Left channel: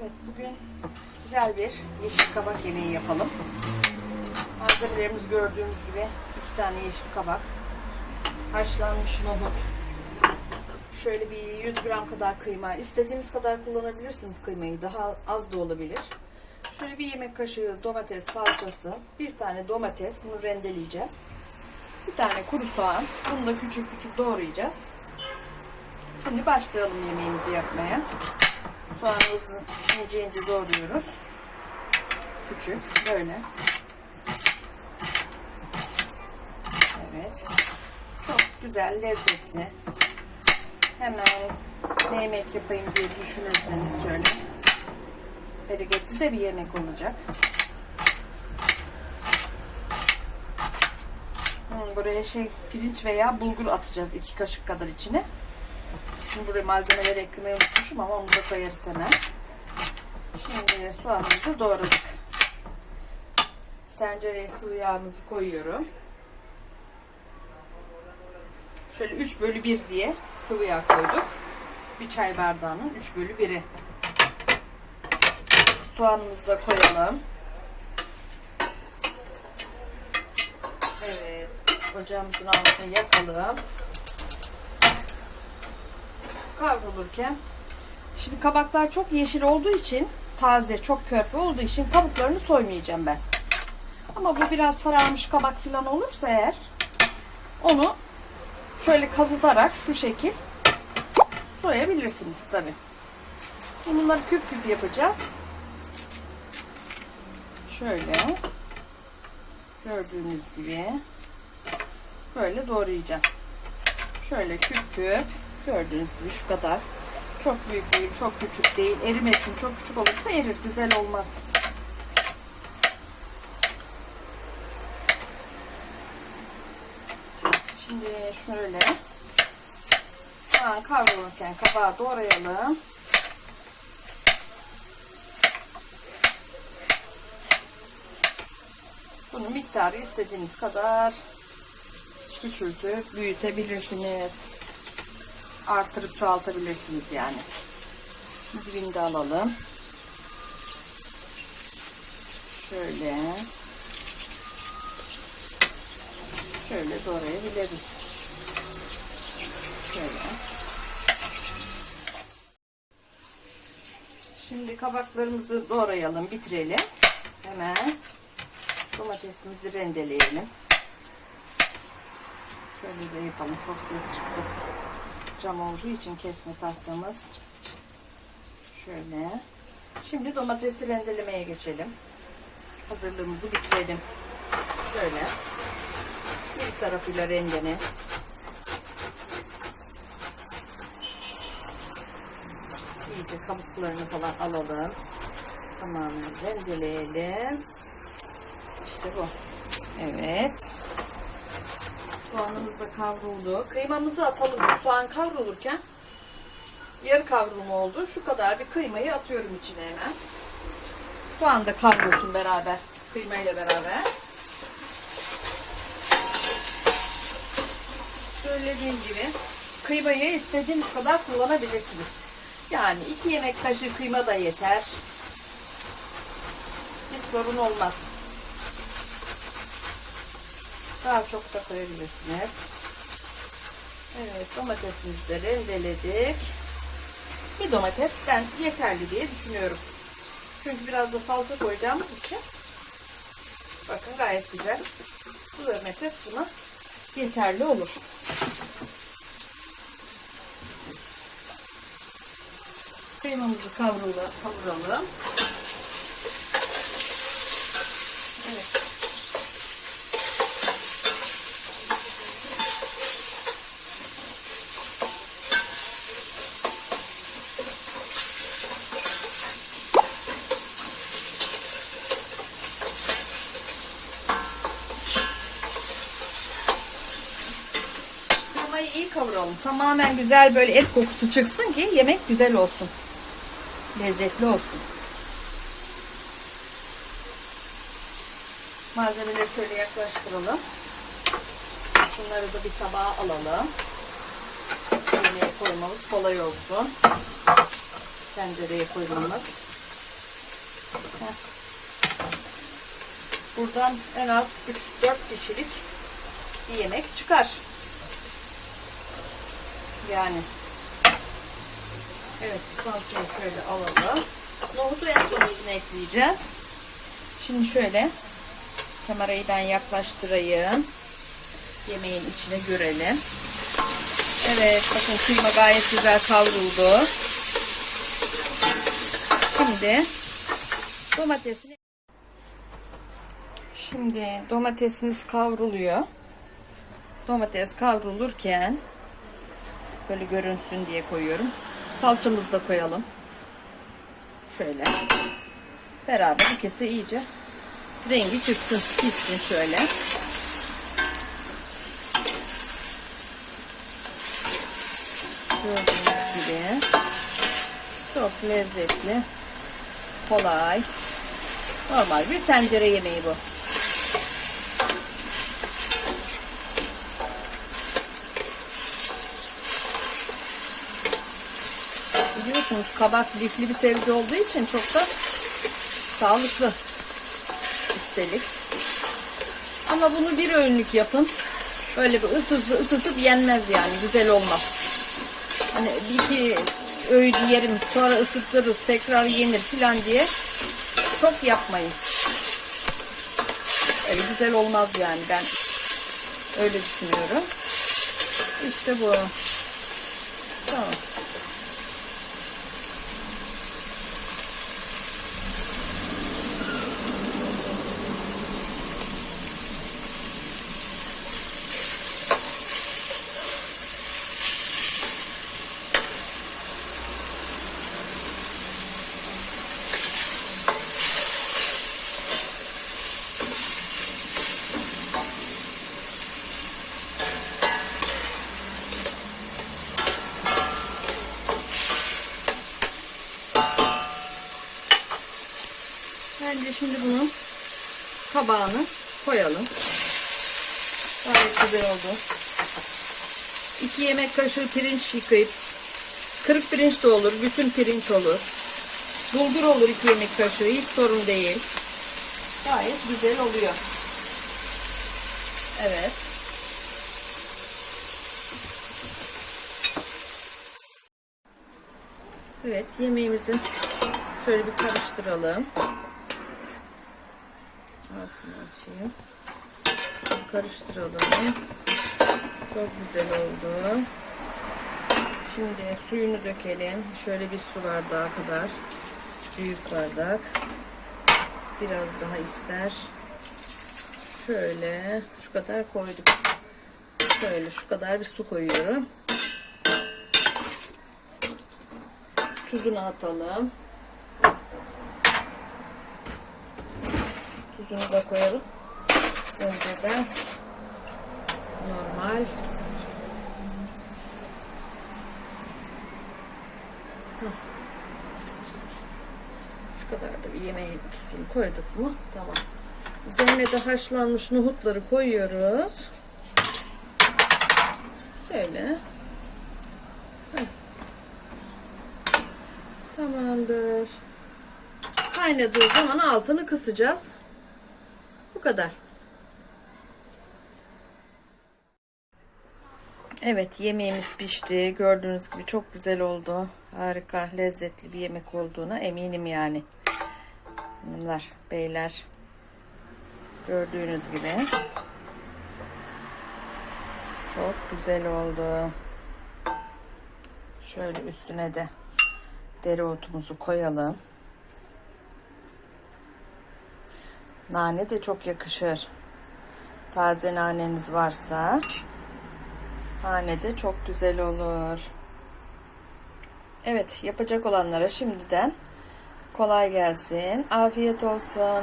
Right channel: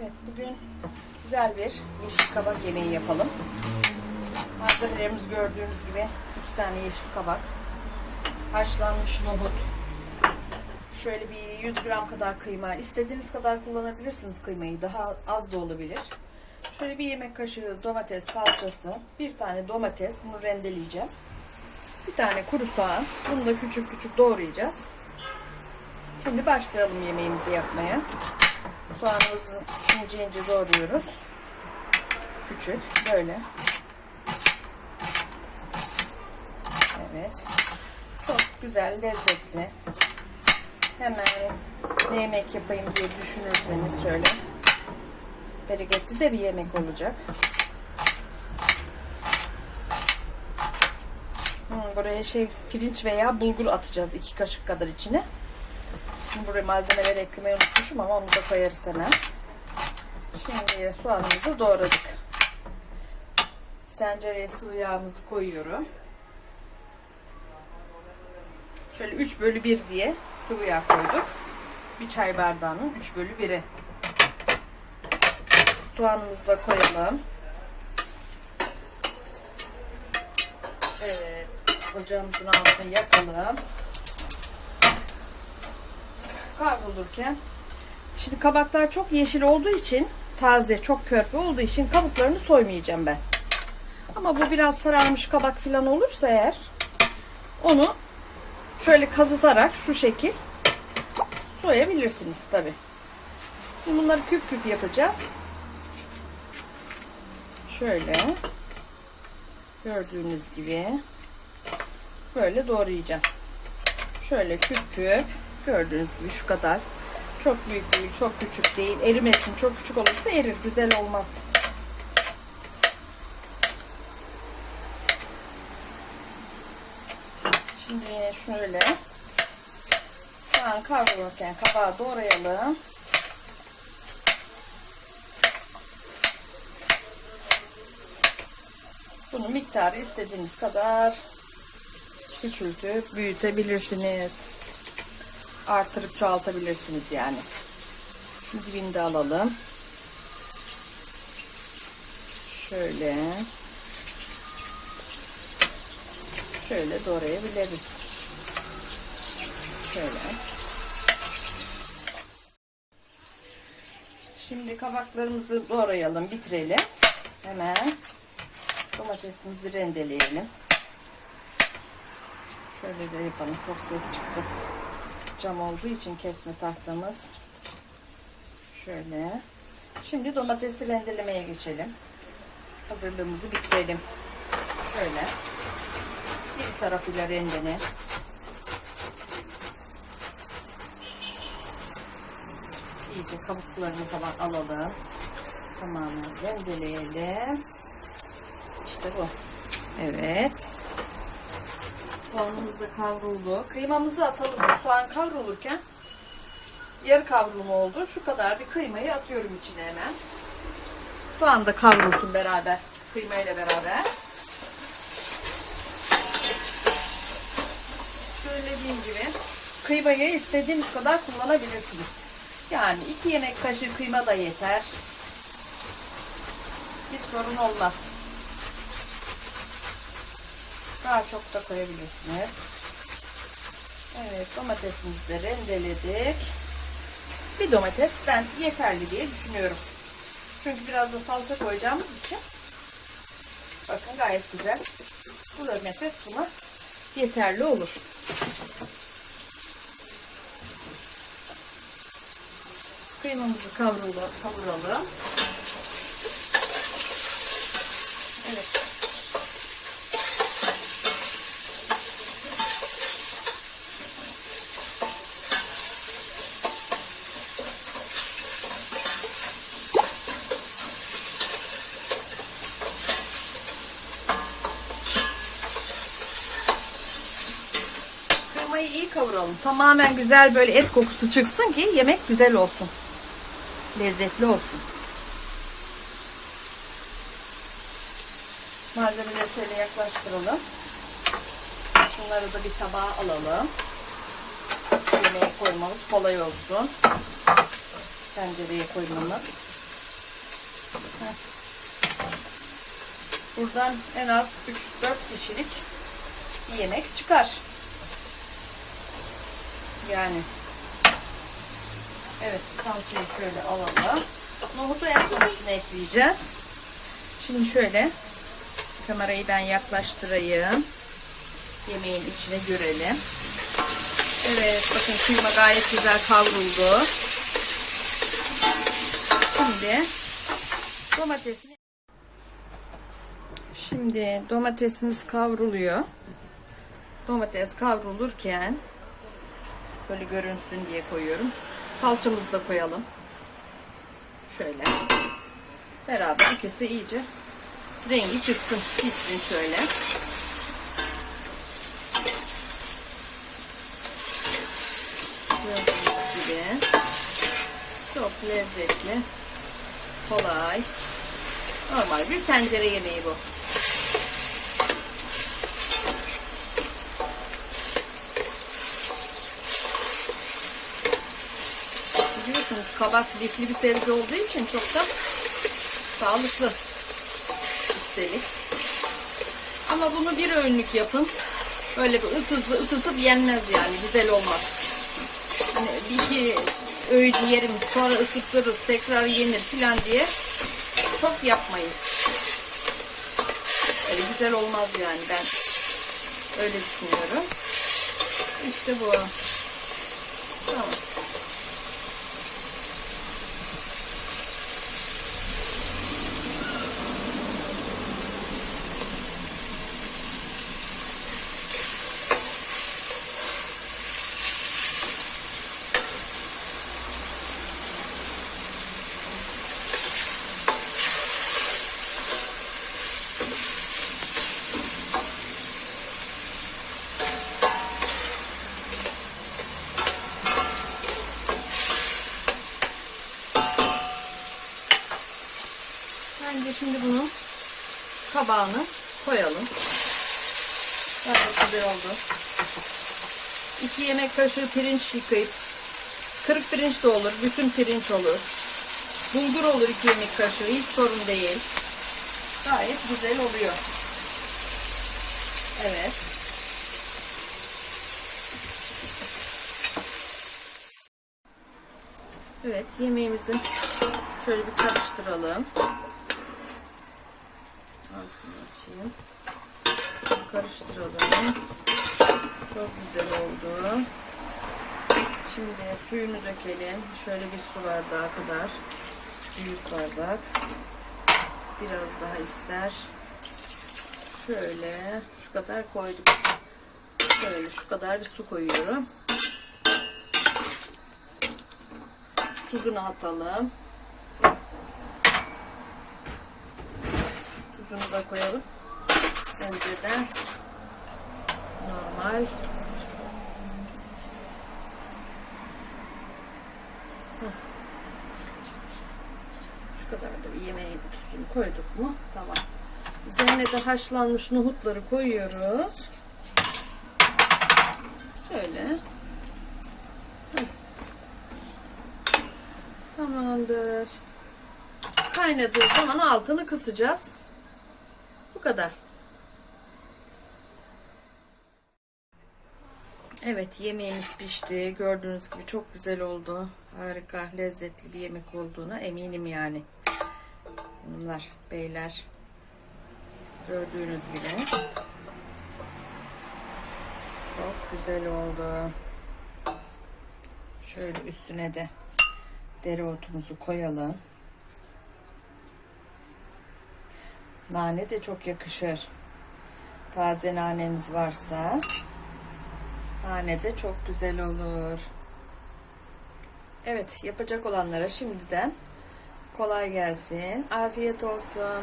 Evet bugün güzel bir yeşil kabak yemeği yapalım. Malzemelerimiz gördüğümüz gibi iki tane yeşil kabak, haşlanmış nohut, şöyle bir 100 gram kadar kıyma. İstediğiniz kadar kullanabilirsiniz kıymayı. Daha az da olabilir. Şöyle bir yemek kaşığı domates salçası, bir tane domates, bunu rendeleyeceğim. Bir tane kuru soğan, bunu da küçük küçük doğrayacağız. Şimdi başlayalım yemeğimizi yapmaya. Soğanımızı ince ince doğruyoruz. Küçük böyle. Evet. Çok güzel, lezzetli. Hemen ne yemek yapayım diye düşünürseniz şöyle bereketli de bir yemek olacak. Hmm, buraya şey pirinç veya bulgur atacağız iki kaşık kadar içine. Şimdi buraya malzemeleri eklemeyi unutmuşum ama onu da koyarız hemen. Şimdi soğanımızı doğradık. Tencereye sıvı yağımızı koyuyorum. Şöyle 3 bölü 1 diye sıvı yağ koyduk. Bir çay bardağının 3 bölü 1'i. Soğanımızı da koyalım. Evet. Ocağımızın altını yakalım. Kavrulurken. Şimdi kabaklar çok yeşil olduğu için taze, çok körpe olduğu için kabuklarını soymayacağım ben. Ama bu biraz sararmış kabak falan olursa eğer onu şöyle kazıtarak şu şekil soyabilirsiniz tabi. Bunları küp küp yapacağız. Şöyle gördüğünüz gibi böyle doğrayacağım. Şöyle küp küp gördüğünüz gibi şu kadar. Çok büyük değil, çok küçük değil. Erimesin. Çok küçük olursa erir. Güzel olmaz. Şimdi şöyle soğan kavrulurken kabağı doğrayalım. Bunun miktarı istediğiniz kadar küçültüp büyütebilirsiniz. Artırıp çoğaltabilirsiniz yani. Şimdi birini de alalım. Şöyle. Şöyle doğrayabiliriz. Şöyle. Şimdi kabaklarımızı doğrayalım, bitirelim. Hemen domatesimizi rendeleyelim. Şöyle de yapalım. Çok ses çıktı. Cam olduğu için kesme tahtamız. Şöyle. Şimdi domatesi rendelemeye geçelim. Hazırlığımızı bitirelim. Şöyle. Bir tarafıyla rendele. İyice kabuklarını falan alalım. Tamamen rendeleyelim. İşte bu. Evet. Soğanımız da kavruldu. Kıymamızı atalım. Soğan kavrulurken yarı kavrulma oldu. Şu kadar bir kıymayı atıyorum içine hemen. Soğan da kavrulsun beraber. Kıyma ile beraber. Söylediğim gibi kıymayı istediğiniz kadar kullanabilirsiniz. Yani iki yemek kaşığı kıyma da yeter. Hiç sorun olmaz. Daha çok da koyabilirsiniz. Evet domatesimizi de rendeledik. Bir domatesten yeterli diye düşünüyorum. Çünkü biraz da salça koyacağımız için bakın gayet güzel. Bu domates buna yeterli olur. Kıymamızı kavrula, kavuralım. Evet. Kıymayı iyi kavuralım. Tamamen güzel böyle et kokusu çıksın ki yemek güzel olsun. Lezzetli olsun. Malzemeleri şöyle yaklaştıralım. Bunları da bir tabağa alalım. Yemeğe koymamız kolay olsun. Tencereye koymamız. Buradan en az 3-4 kişilik bir yemek çıkar. Yani. Evet salçayı şöyle alalım. Nohutu en son üstüne ekleyeceğiz. Şimdi şöyle kamerayı ben yaklaştırayım. Yemeğin içine görelim. Evet bakın kıyma gayet güzel kavruldu. Şimdi domatesini Şimdi domatesimiz kavruluyor. Domates kavrulurken böyle görünsün diye koyuyorum. Salçamızı da koyalım. Şöyle. Beraber ikisi iyice rengi çıksın, pişsin şöyle. Gördüğünüz gibi çok lezzetli, kolay, normal bir tencere yemeği bu. Biliyorsunuz kabak lifli bir sebze olduğu için çok da sağlıklı üstelik. Ama bunu bir öğünlük yapın. Böyle bir ısıtıp, ısıtıp yenmez yani. Güzel olmaz. Hani bir iki öğün yerim sonra ısıtırız tekrar yenir filan diye çok yapmayın. Öyle güzel olmaz yani ben öyle düşünüyorum. İşte bu. Tamam. Bence şimdi bunun kabağını koyalım. Gayet güzel oldu. 2 yemek kaşığı pirinç yıkayıp kırık pirinç de olur, bütün pirinç olur. Bulgur olur 2 yemek kaşığı, hiç sorun değil. Gayet güzel oluyor. Evet. Evet, yemeğimizi şöyle bir karıştıralım. Altını açayım. Karıştıralım. Çok güzel oldu. Şimdi suyunu dökelim. Şöyle bir su bardağı kadar. Büyük bardak. Biraz daha ister. Şöyle şu kadar koyduk. Şöyle şu kadar bir su koyuyorum. Tuzunu atalım. Tuzunu da koyalım. Önceden normal. Şu kadar da bir yemeğin tuzunu koyduk mu? Tamam. Üzerine de haşlanmış nohutları koyuyoruz. Şöyle. Tamamdır. Kaynadığı zaman altını kısacağız. Bu kadar. Evet yemeğimiz pişti. Gördüğünüz gibi çok güzel oldu. Harika, lezzetli bir yemek olduğuna eminim yani. Bunlar beyler. Gördüğünüz gibi. Çok güzel oldu. Şöyle üstüne de dereotumuzu koyalım. Nane de çok yakışır. Taze naneniz varsa nane de çok güzel olur. Evet, yapacak olanlara şimdiden kolay gelsin. Afiyet olsun.